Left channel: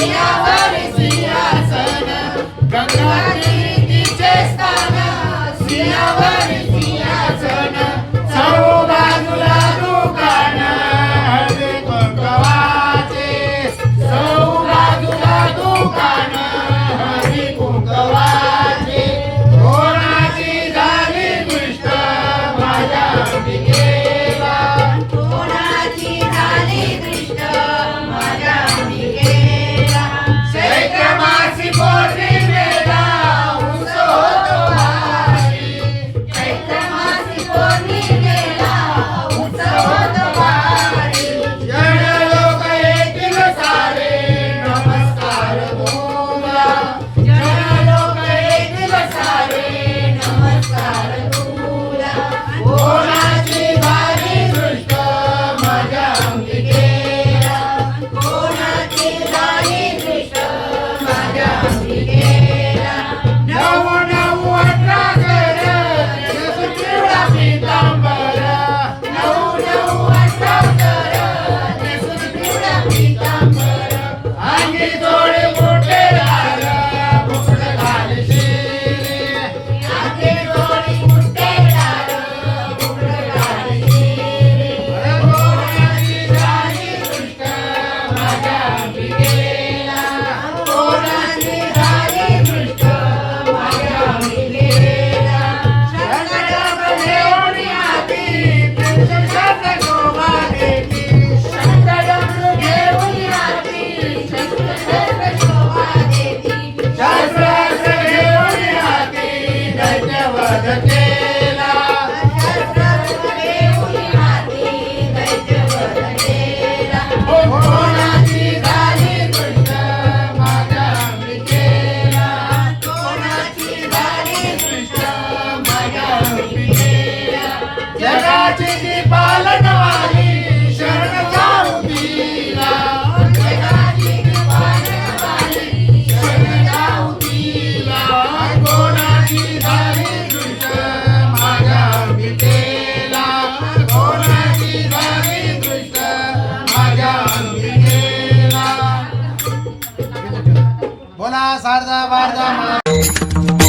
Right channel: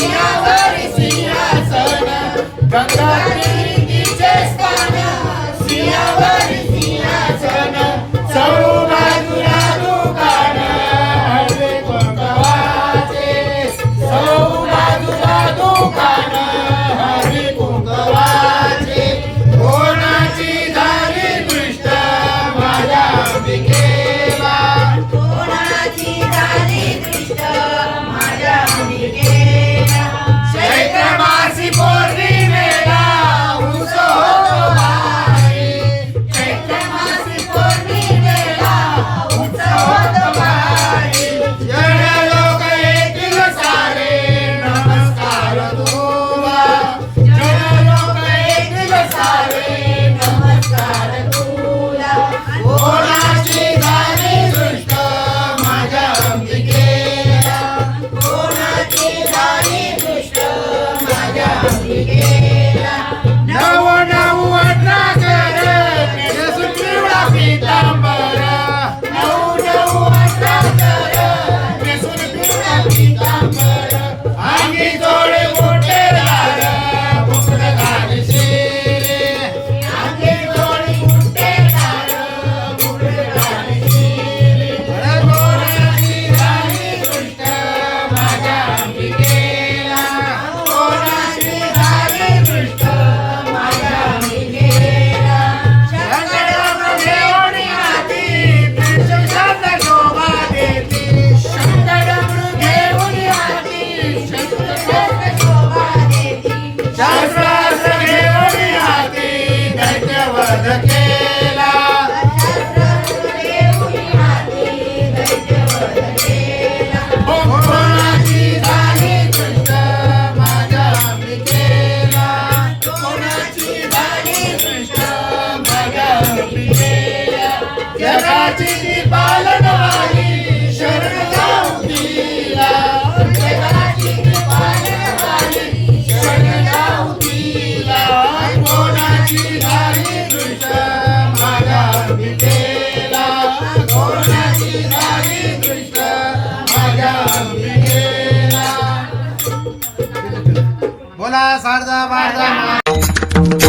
सिंहावर सिंहासन. Nao nao atragere, pide su triura. बोला शारदा वारदा